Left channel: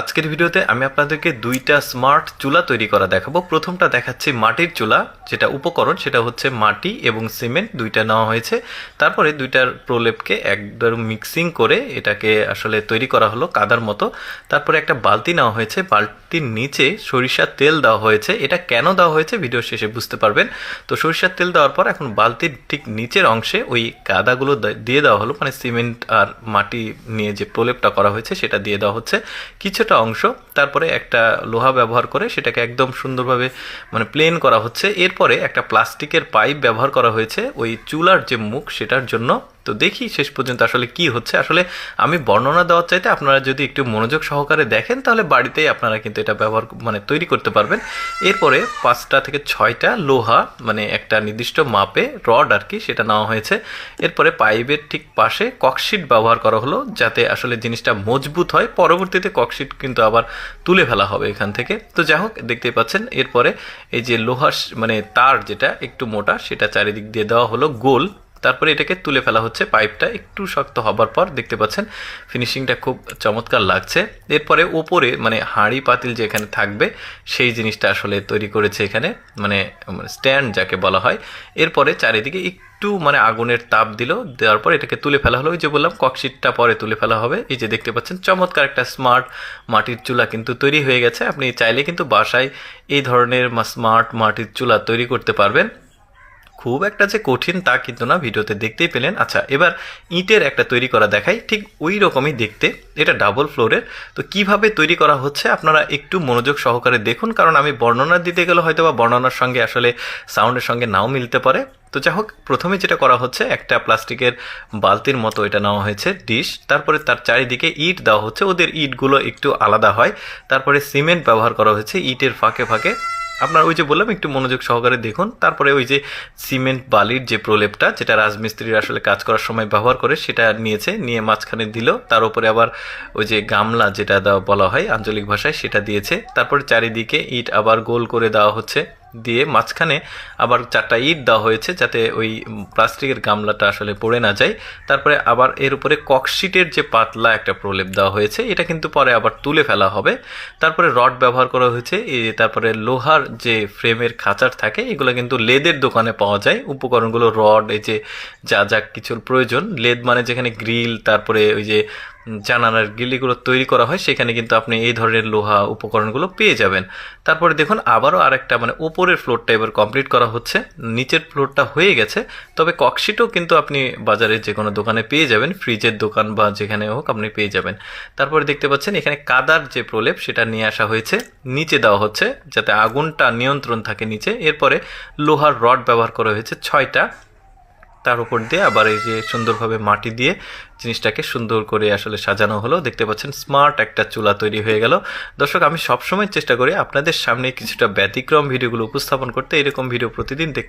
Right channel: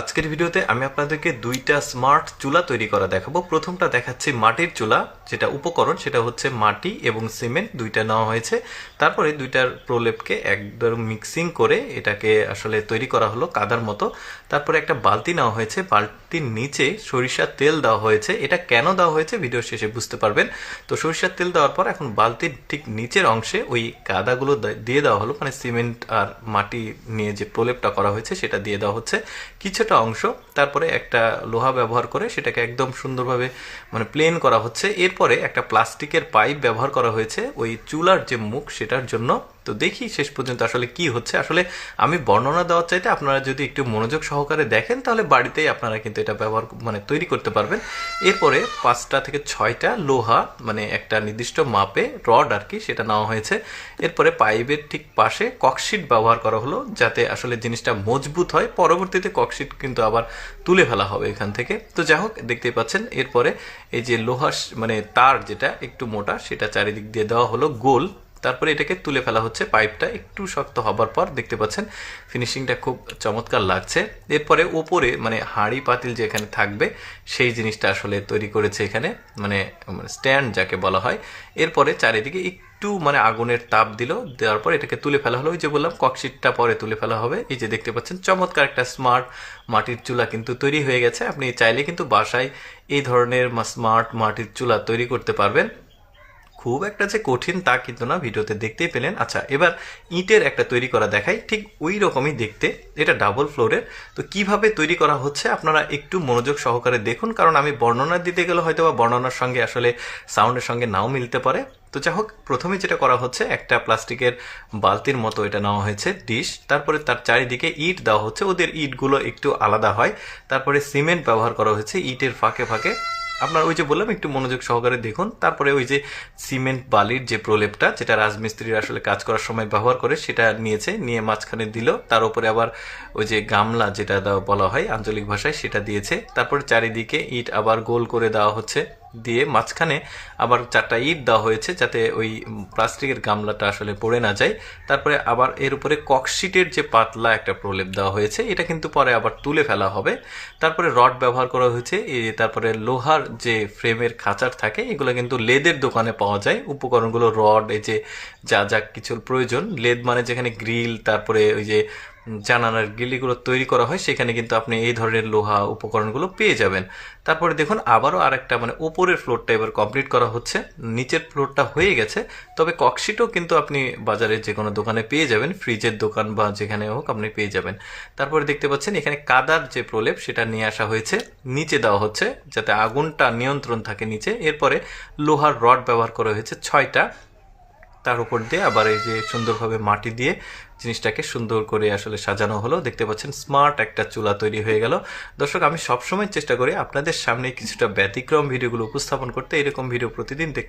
আজকের ভিডিওতে আমি আপনাদেরকে দুইটা স্মার্ট চুলা তৈরি করা দেখাবো। প্রথমটা দেখাচ্ছি মাটির চুলা, যেটা উপকরণ সেটা হচ্ছে মাটি এবং সিমেন্ট দুইটা নেওয়া হয়েছে। তারপরে দুইটার প্রলেপকে একদম মিক্সিং করে এটাকে আসলে তৈরি করা হলো কাদার মতো। তারপরে একটা বালতি নেওয়া হয়েছে, বালতির নিচে সরিষার তেল দেওয়া হয়েছে। এটা কেন দেওয়া হয়েছে ভিডিও শেষে বুঝতে পারবেন। তো সরিষার তেল দেওয়ার পর এখন বালতির ঠিক নিচের অংশে ওই কাদাগুলো দিয়ে দেওয়া হলো, মানে সিমেন্ট আর মাটি নিয়ে যে প্রলেপটা করা হয়েছে সেটা দিয়ে দেওয়া হচ্ছে কিছুটা অংশ। তারপরে একটা লোহা ব্যবহার করে সেটাকে একদম সুন্দরভাবে মানে প্লেন করা হচ্ছে। এরপরে একটা প্লাস্টিকের পাইপ ব্যবহার করা হয়েছে ওই চুলার যে মুখ সেটার জন্য। তো দেখি শেষ পর্যন্ত আসলে কি হচ্ছে। আসলে আমি বর্ণনা দেওয়ার চাইতে আপনারা যদি একটু মনোযোগ সহকারে দেখেন তাহলে বাড়িতেই আপনারা কিন্তু এটা ব্যবহার মানে তৈরি করতে পারবেন। এরপরে 5টা থেকে 6টা লোহা মানে একটা নির্দিষ্ট মাপে রড আর কি সেটা নেওয়া হয়েছে। এরপরে পাইপের ঠিক পাশে ককশিট ব্যবহার করা হলো যাতে আসলে জিনিসটা মজবুত হয়। পরবর্তীতে ককশিট কিন্তু আবার তুলে ফেলা হবে এখান থেকে। তো যাই হোক, দেখতেই পাচ্ছেন এরপরে এই যে লোহা মানে তার যেটা একটু মোটা সেটা চারিদিক দিয়ে দেওয়া হলো গোল। তারপরে এটাকে তুলে ফেলা হচ্ছে। পাইপটা একটু শক্ত হবার পর দেখতে পাচ্ছেন ফিনিশিংটা খুব চমৎকার লাগছে। এরপরে ওপরে মানে হাঁড়ি পাতিল যেখানে থাকবে সেই জিনিসটা আসলে তৈরি করেছে এখানে, মানে স্ট্যান্ড যাকে বলা হয়। এরপরে চারিদিকে একটু মানে আগুনের তাপ দিল, দেওয়ার পর এটাকে তুলে ফেলা হলো। ওই যে বললাম ককশিটটা পরে তুলে ফেলা হবে। এই যে দেখতে পাচ্ছেন চমৎকার একটা স্মার্ট মাটির চুলা কিন্তু তৈরি হয়ে গেছে। আপনি চাইলে কিন্তু বাসায় এই ধরনের স্মার্ট মাটির চুলা তৈরি করতে পারবেন। খুব একটা যে কঠিন তা কিন্তু না, ভিডিওতে দেখতেই পেলেন। আচ্ছা, এবার ইটের একটা তৈরি করা দেখাই, ঠিক ওই রকমই দেখতে। এটা ডাবল ফ্লোরের। তো কিভাবে তৈরি করা হচ্ছে আপনারা একটু মনোযোগ সহকারে দেখুন, কারণ আমি বর্ণনা দিতে গেলে হয়তো বা বর্ণনার সঙ্গে আসলে সাউন্ডের সঙ্গে নাও মিলতে পারে। তো যাই হোক, প্রথমে যেটা করা হচ্ছে একটা প্লাস্টিকের বালতির মতো এটা নেওয়া হয়েছে ডিশ। তারপরে তার চারিদিকে ইট দেওয়া হচ্ছে, ওদের ইটগুলো একটু আলাদা হয়। তারপরে সিমেন্ট ব্যবহার করা হয়েছে ইটের ফাঁকে ফাঁকে। আপনার ওই যে বললাম একটু মনোযোগ সহকারে দেখুন। তারপরে ওই যে সিমেন্ট বালির যে প্রলেপটা যেটা রাজমিস্ত্রির আসলে কাজ করার সময় ব্যবহার করে সেটা নিয়েছে, নিয়ে মাঝখানে দিল। তার উপরে আবার ওই যে গামলা যেটা বলা হয় আঞ্চলিক ভাষায় সেটা দিয়েছে। তারপরে চারিদিকে ইট আবার গোল করে দেওয়া হচ্ছে, দিয়ে মাঝখানে আবার 4টা ইট দেওয়া হয়েছে যাতে ওই প্লাস্টিকের গামলাটা আসলে পড়ে না যায়। তারপরে আবার এর উপরে ককশিটের যে পাতলা একটা প্রলেপ দেওয়া হয়েছে, এটা কিন্তু পরে আবার তুলে ফেলা হবে। তারপরে রড ব্যবহার করা হয়েছে। তারপরে লোহার যে ফ্রেমের খাঁচার থাকে এগুলো কিন্তু লেদের দোকানে পাওয়া যায়। উপকরণগুলো রড, এই যে যা যা কিছুর প্রয়োজন, লেদ মানে যেখানে গ্রিল, তারপরে ওই যে জানালার গ্রিলগুলো তৈরি করা হয় সেখানে কিন্তু আপনি এই ধরনের লোহা উপকরণগুলো পেয়ে যাবেন। তারপরে দেখুন আবারও আরেকটা মানে ওপরের ফ্লোরটা এবার কমপ্লিট করা হচ্ছে। নিচের ফ্লোরটা হয়ে গেছে, তবে ককশিটও কিন্তু আপনি বাজারে যে কোনো দোকানে পেয়ে যাবেন, ফ্রিজের দোকান বা যেখানে হোক আপনি পেয়ে যাবেন। তারপরে দেখতে পাচ্ছেন এখানে কাদার যে প্রলেপ সেটা নিয়ে আসা হয়েছে, নিচে দেওয়া হচ্ছে যাতে আগুনটা নিয়ন্ত্রণ থাকে নিচে। এরপরে লোহার রড ব্যবহার করা হয়েছে 6টা। তার উপর দিয়ে আবার এই যে সুন্দরভাবে মাটি দিয়ে জিনিসটাকে সুন্দর করে আসলে সাজানো হলো। দেখতে পাচ্ছেন স্মার্ট একটা চুলা তৈরি হয়ে গেল। দর্শক, আমি সবসময় চেষ্টা করি আপনাদের সামনে কিছুটা ব্যতিক্রম ভিডিওগুলো উপস্থাপন করতে। এরকম ভিডিও প্রতিদিন দেখতে